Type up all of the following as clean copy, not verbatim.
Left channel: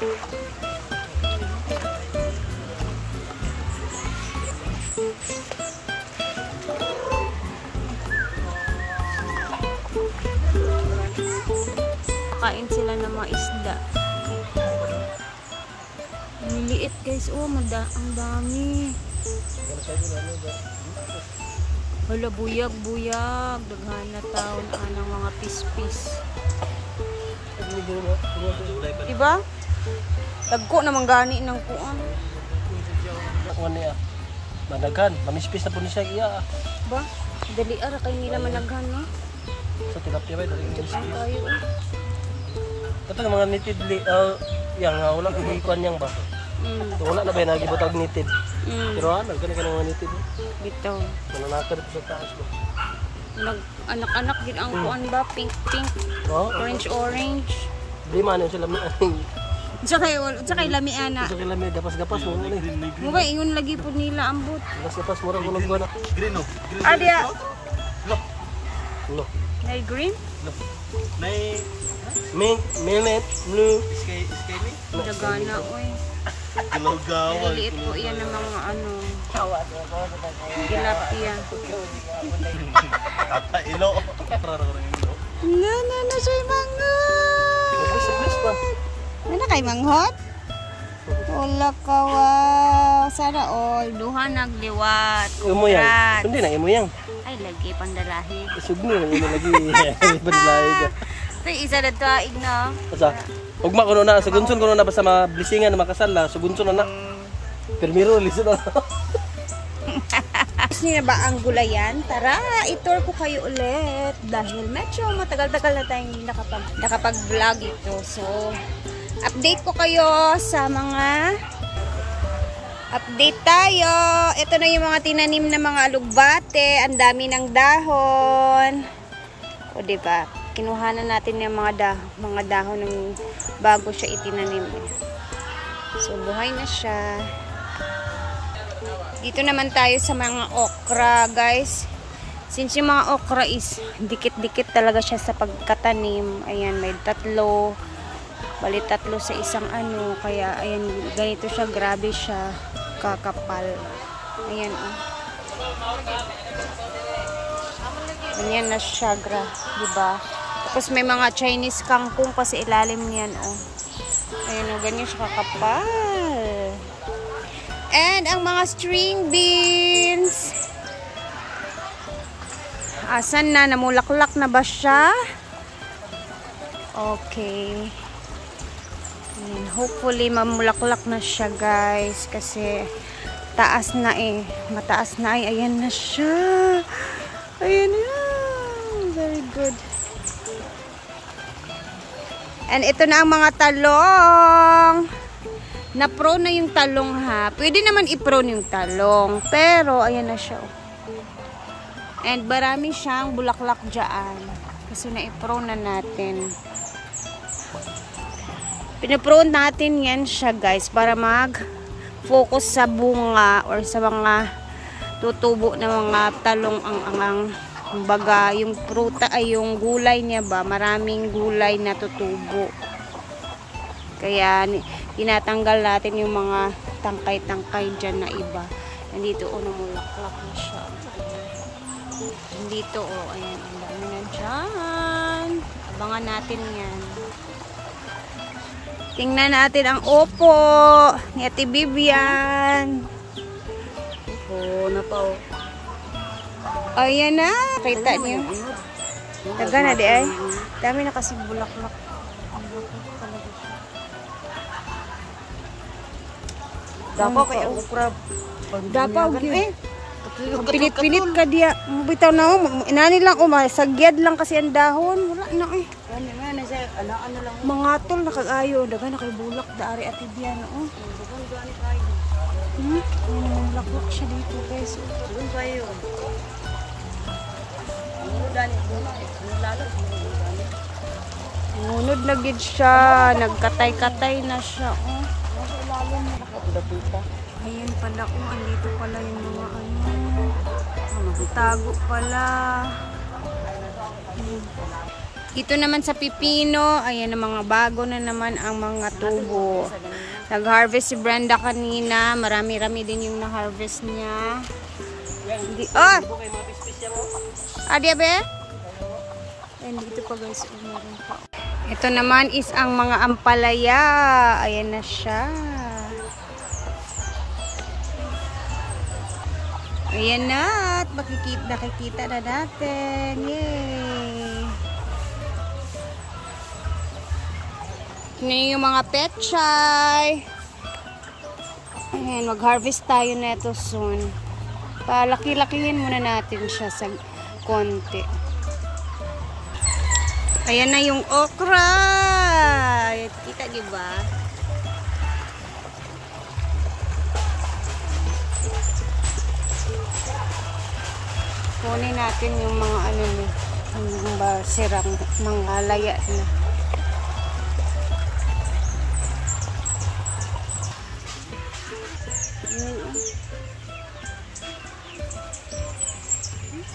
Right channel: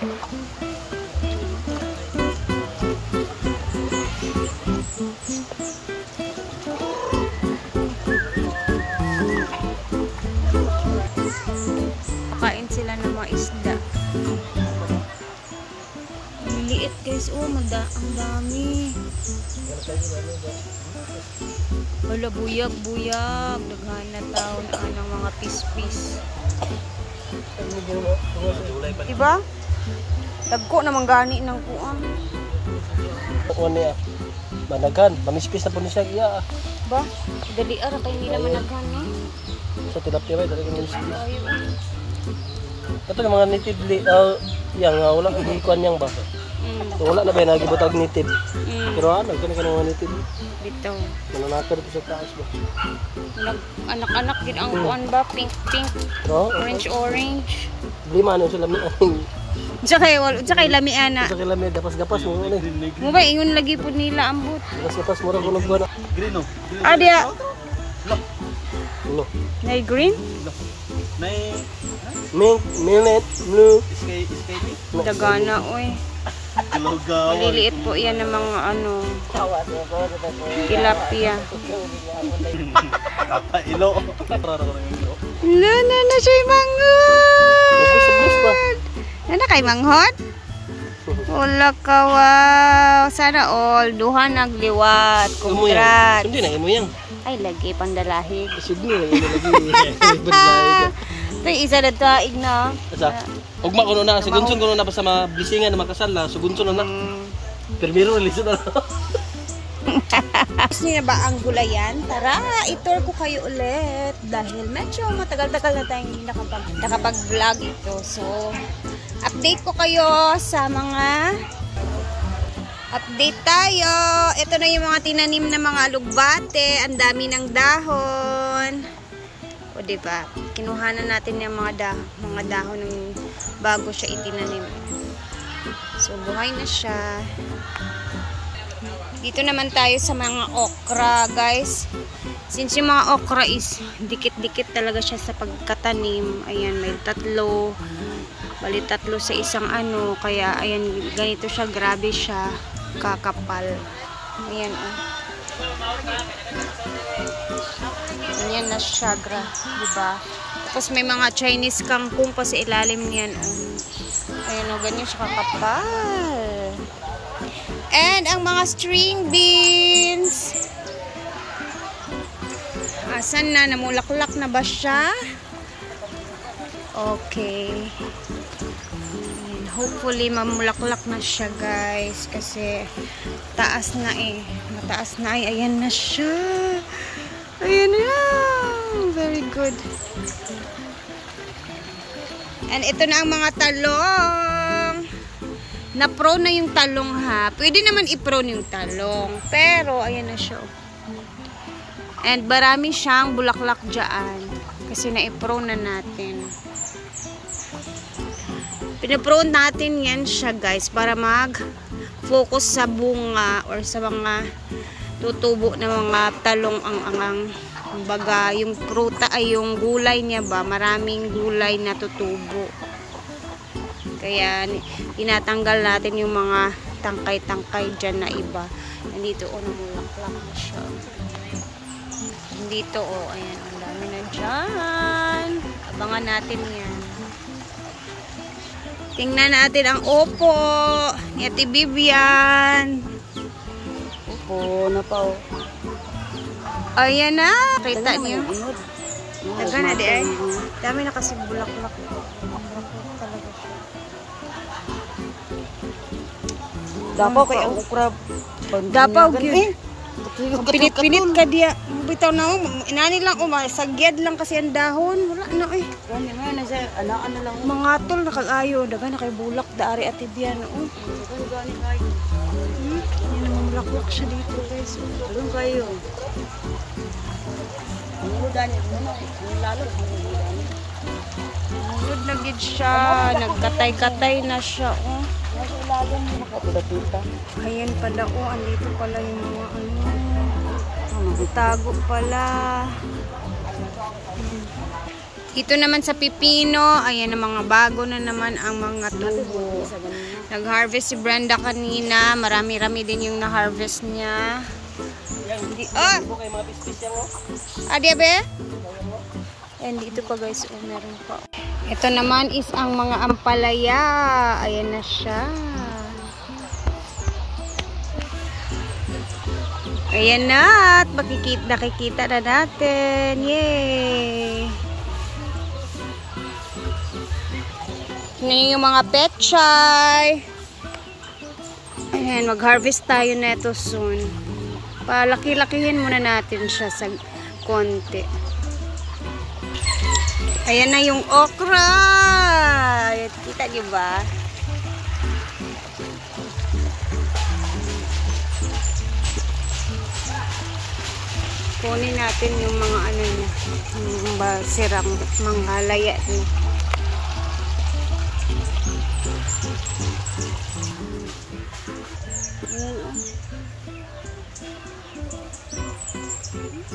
Kain sila ng mga isda. Liliit guys. Oh, ang dami. Wala, buyag. Daghan na taon ng mga pispis. Diba? Tagko naman gani ng kuang. Managhan, manispis na po niya siya. Ba? Dali ara kay nila managhan, no? Sa tilapia ba? Dali kayo. Ito na mga native yang wala ikuan yang ba? Wala na ba nagibutag native. Pero ano, kani ka mga native. Bitaw. Ano na pa dito sa taas ba? Anak-anak gid ang kuan ba? Pink. Orange. Lima ano sila Tsaka lamian na. Sa lami gapas-gapas mo na. Mo ba ingon lagi pud nila ambot. Gapas mo ra gulog. Green no. Dia. No. Nay green? May millet blue sky. Dagana oy. Liliit po yan ng mga tilapia. Ilo. Na siya manghod. Nana kay manghod? Wala ka, wow. Sana all. Duha nagliwat. Imuyang. Sundi na imuyang. Ay, lagi pang dalahig. Sugni na imo lagi. Bandalahig. Ito isa na taig na. Asa? Ugma kuno na. Sugunson kuno na ba sa mga blisingan na makasal la. Sugunson na na. Permiro, lisod na. Gusto niyo na ba ang gulayan? Tara, i-tour ko kayo ulit. Dahil medyo matagal-tagal na tayong hindi nakapag-vlog ito. So, update ko kayo sa mga update tayo. Ito na yung mga tinanim na mga alugbate. Ang dami ng dahon. O diba? Kinuhanan natin yung mga dahon ng bago siya itinanim. So, buhay na siya. Dito naman tayo sa mga okra, guys. Since yung mga okra is dikit-dikit talaga siya sa pagkatanim. Ayan, may tatlo. Bali tatlo sa isang kaya ayan, ganito siya, grabe siya kakapal. Ayan, oh. Ayan na siya, diba? Tapos may mga Chinese kangkong pa sa ilalim niyan, oh. Ayan, oh, ganyan siya kakapal. And ang mga string beans. Asan na? Namulaklak na ba siya? Okay. Ayan, hopefully mamulaklak na siya, guys, kasi taas na mataas na ayan na siya. Ayan na. Very good. And ito na ang mga talong. Na-pro na yung talong, ha. Pwede naman i-pro yung talong, pero ayan na siya, oh. And marami siyang bulaklak dyan kasi na-i-pro na natin. Pinapro natin yan siya, guys, para mag-focus sa bunga or sa mga tutubo na mga talong ang baga, yung pruta ay yung gulay niya ba, maraming gulay na tutubo. Kaya tinatanggal natin yung mga tangkay-tangkay dyan na iba. Nandito, oh, namulaklak na siya. Dito, oh, ayan, ang dami na dyan. Abangan natin yan. Tingnan natin ang opo ni Ate Vivian. Oh, napa. Ayan na. Kita niyo. Taga na di ay. Dami na kasi bulaklak. Ang bulaklak talaga siya. Dapaw kay okra. Dapaw gyud. Pilit-pilit ka diya. Bitaw na inani lang sagyad lang kasi ang dahon. Wala na eh. Mga tol nakag-ayo, daga na kay bulak daari Ate Vivian, oh. Yan ang mamulaklak siya dito, guys. Doon kayo. Ngunod na gid siya, nagkatay-katay na siya, oh. Ayan pala, oh, andito pala yung mga itago pala. Dito naman sa pipino, ayan ang mga bago na naman ang mga tubo. Nag-harvest si Brenda kanina. Marami-rami din yung na-harvest niya. Adi be? Ayan, dito pa guys. Ayan, meron pa. Ito naman is ang mga ampalaya. Ayan na siya. Ayan na. At nakikita na natin. Yay! Tingnan yung mga petchay. Ayan, mag-harvest tayo neto soon. Palaki-lakihin muna natin siya sa konti. Ayan na yung okra. Kita niyo ba? Kunin natin yung mga ano niya. Yung sirang mga laya na.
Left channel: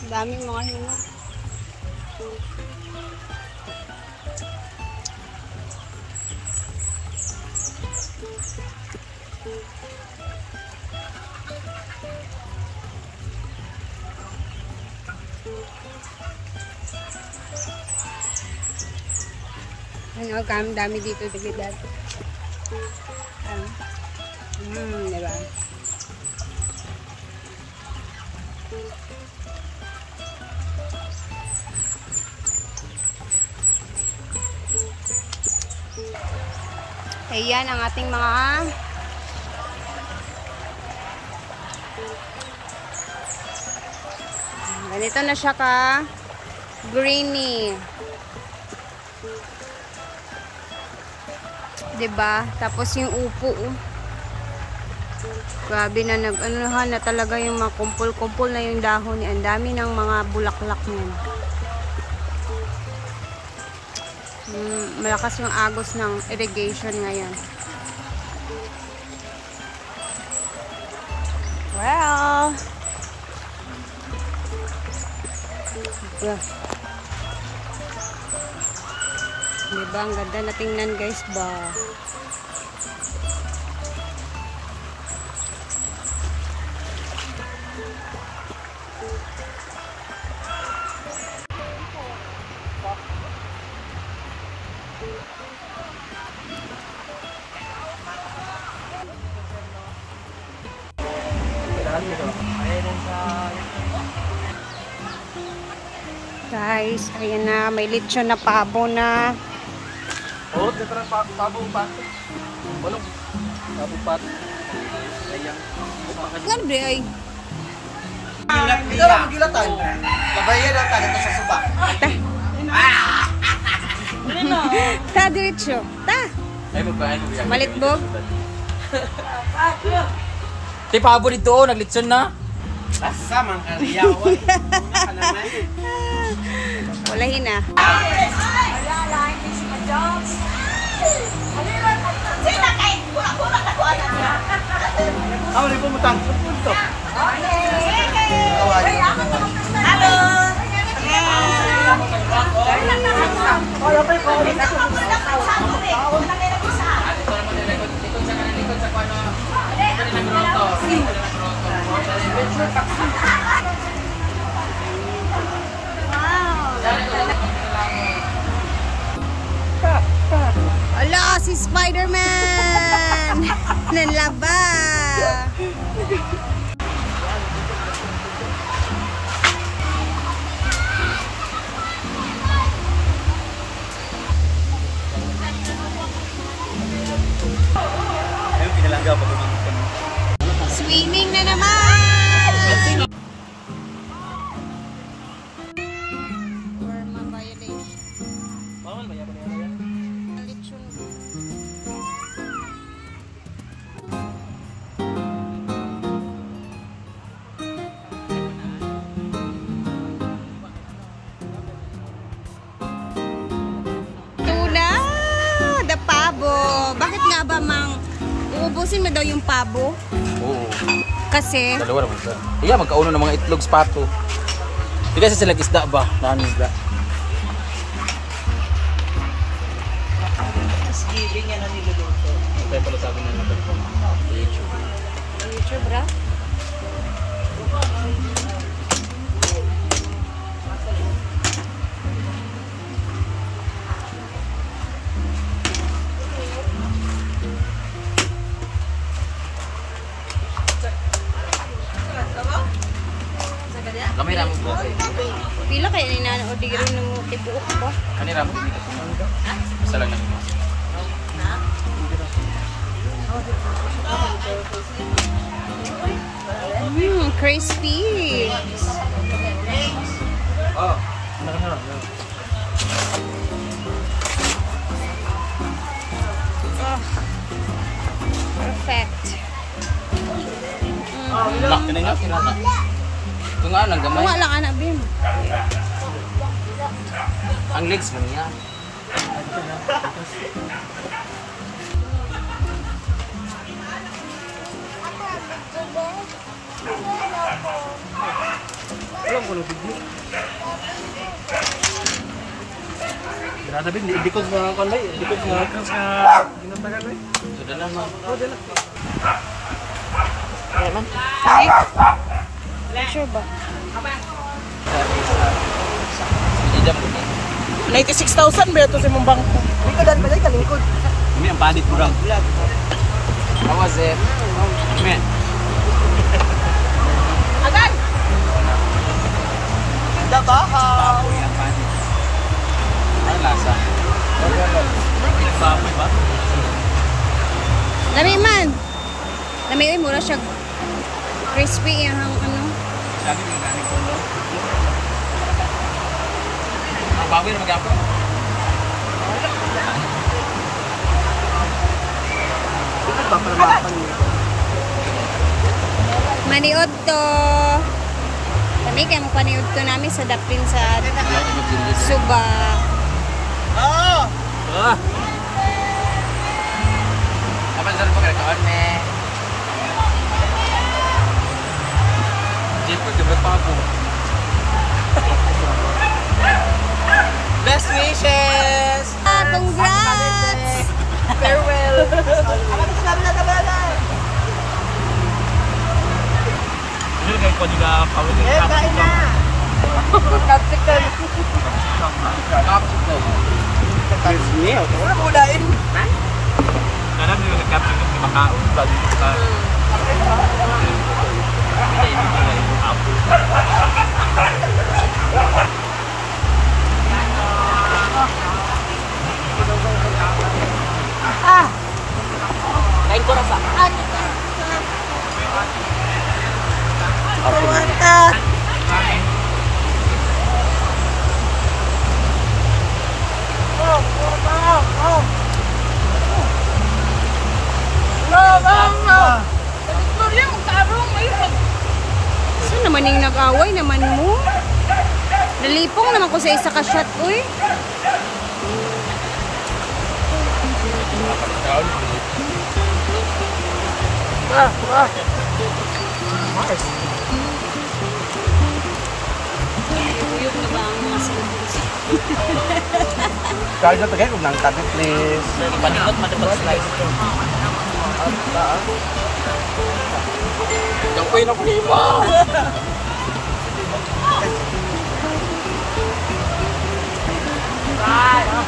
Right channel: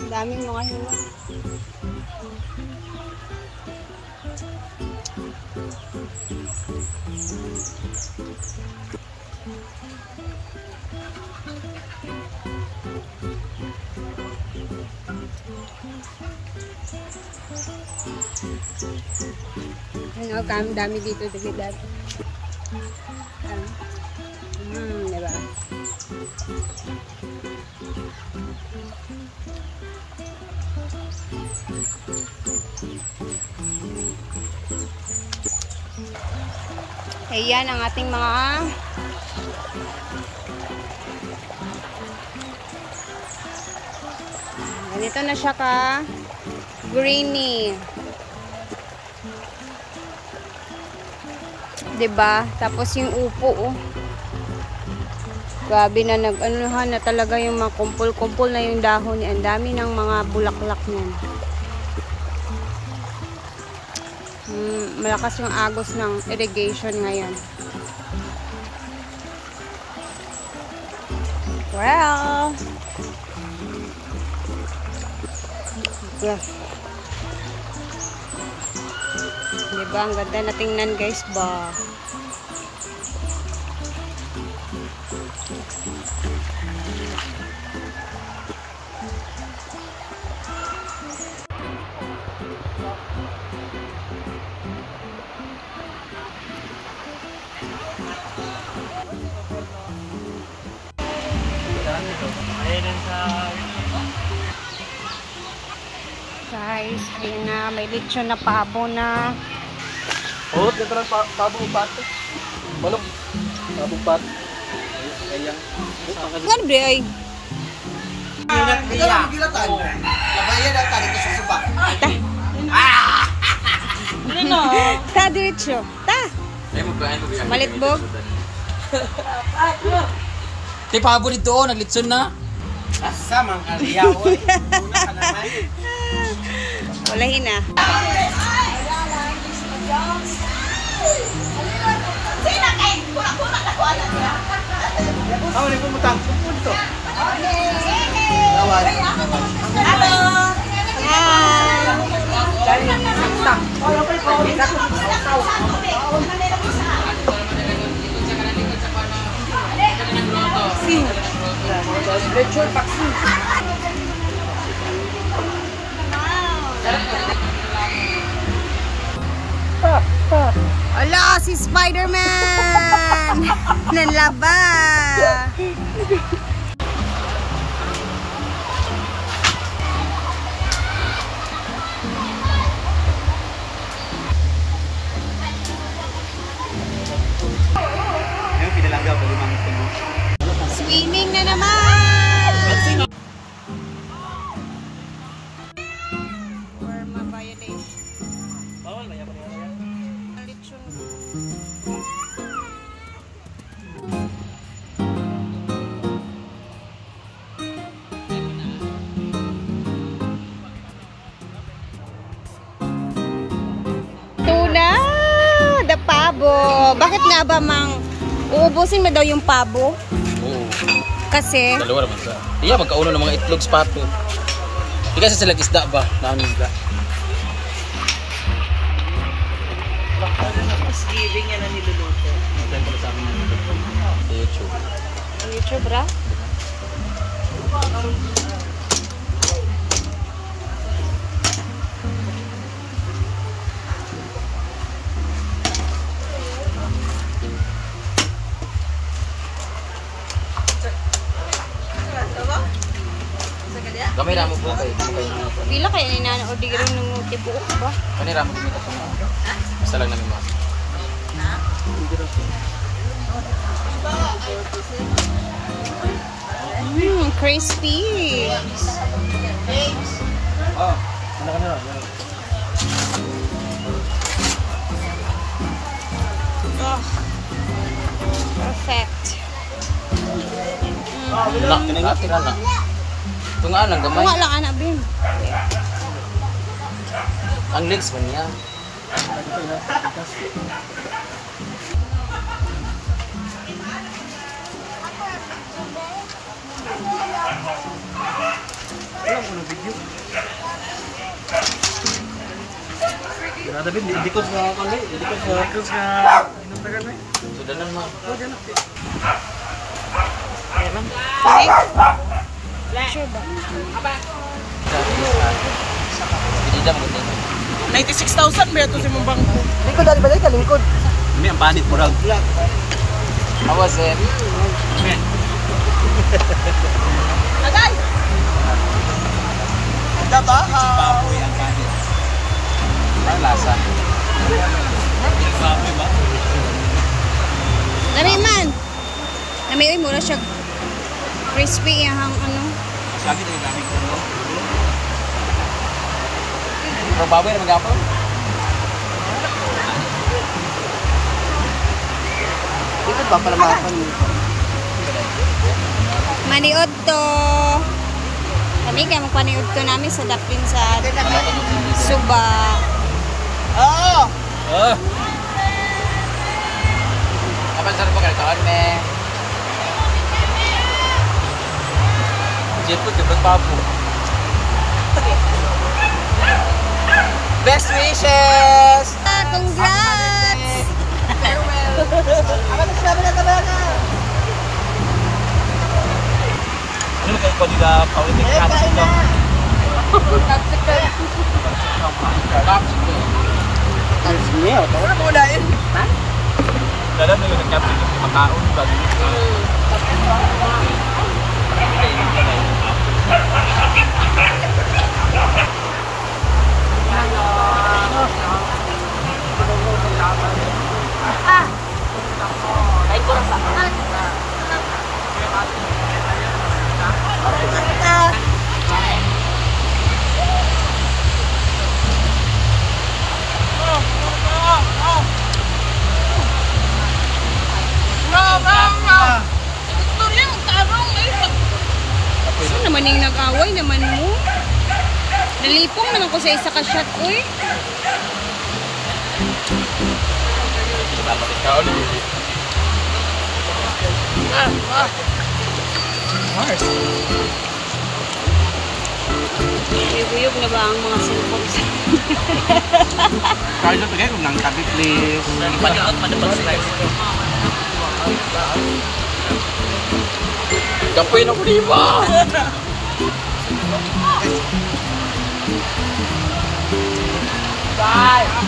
Daming mga hinog. Ano, dami dito digidad. Diba? Ayan ang ating mga ganito na siya ka greeny. Diba? Tapos yung upo grabe na nag-anuhan na talaga yung mga kumpul-kumpul na yung dahon. Ang dami ng mga bulaklak niyan. Malakas yung agos ng irrigation ngayon. Well, diba? Ang ganda na tingnan guys ba? Guys, ayan na, may lechon na pabo na. Oh, dito na pabo pato. Balong. Pabo pato. Ayan. Ano ba ay? Ikaw lang magilatan. Tabayan na tayo sa suba. Ta. Ta diretso. Ta. Malitbog. Ti pabo dito, naglitson na. Asa mang ariyaw. Una ka naman. Walahin na. Ang nagumutang. Ala, si Spider-Man! Nanlaba! Swimming na naman! Forma violation. Lechon. Tuna! The pabo! Bakit nga ba uubusin mo daw yung pabo? Kasi? Dalawa naman siya. Iya, magkauno ng mga itlog sa pato. Hindi kasi sila isda ba? Nangisda. Thanksgiving yan ang niluluto. Kaya pala sa amin sa YouTube. YouTube, ra? Kami na mo buhay. Pila kaya ni Nana o di rin ng tibuok ba? Kanira mo kumita ko na. Basta lang namin mas. Crispy. Oh, ano. Oh, perfect. Nak, kanina tira na. Ito nga lang, gamay. Tunga lang, anak, Bim. Ang legs man niya. Grabe bin, dikod nga kanay, dikod nga kung sa ginatagal mo. Sudah lang mo. Sige. Sure ba? Hindi mo din. 96,000 ba ito sa mong bangko? Likod dali balik ka likod. Kami ang panit mo lang. Ako sir. Men. Agad! Baboy ang panit. Ang lasa. Baboy ba? Lami man. Lami uy, mura siya crispy yung ano. Sabi ito yung gamit ko, no? Pero baboy na mag-apaw. Dikod ba pala mga pan? Maniod to. Kami kaya magpaniod to namin sa dapin sa Suba. Oo! Ah, Kapag sarap pa kayo kawan, me. Jeko, jebak pabong. Best wishes! Congrats! Farewell! ano kayo ko nila pawin ng Kain na! Capital. Kapsik daw. Ano mo dahil? Dalam na yung nagkapit ng makaon bago yung hindi pala yung apple. Saan naman yung nag-away naman mo? Nalipong naman ko sa isa ka shot, uy. Dapat ikaw ulit. Mars. Uyog na ba ang mga cellphone? Kaya na tagay kung nang tabi, please. Gapoy na ko ni ba?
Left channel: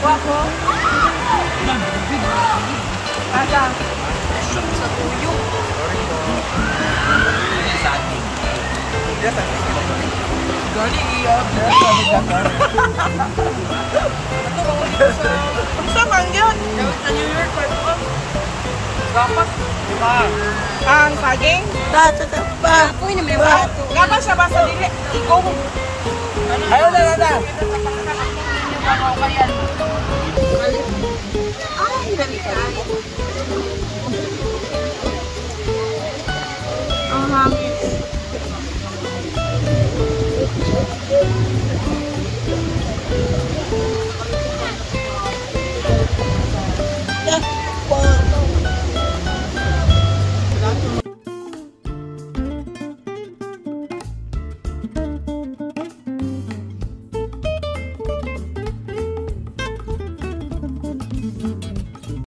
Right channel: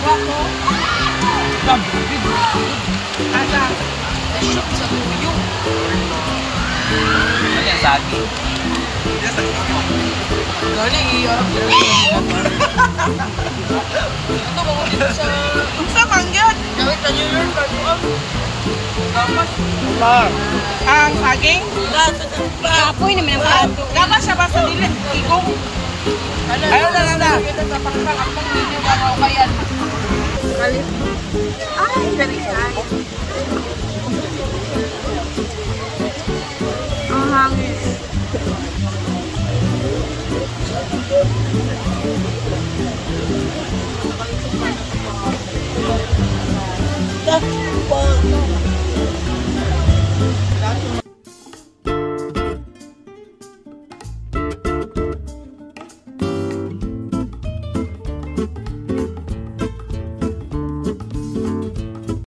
Ako. Kaka. Shoot sa tuyo. Ano yan sa akin? Gani, iyarap na. Ito ko dito sa... Sa kangyat. Gamit sa New York. Gapas. Ang saging. Kapoy naman ang plato. Gapas siya ba sa dili? Ikaw. Ano na? Ay, very nice. Ang hangis.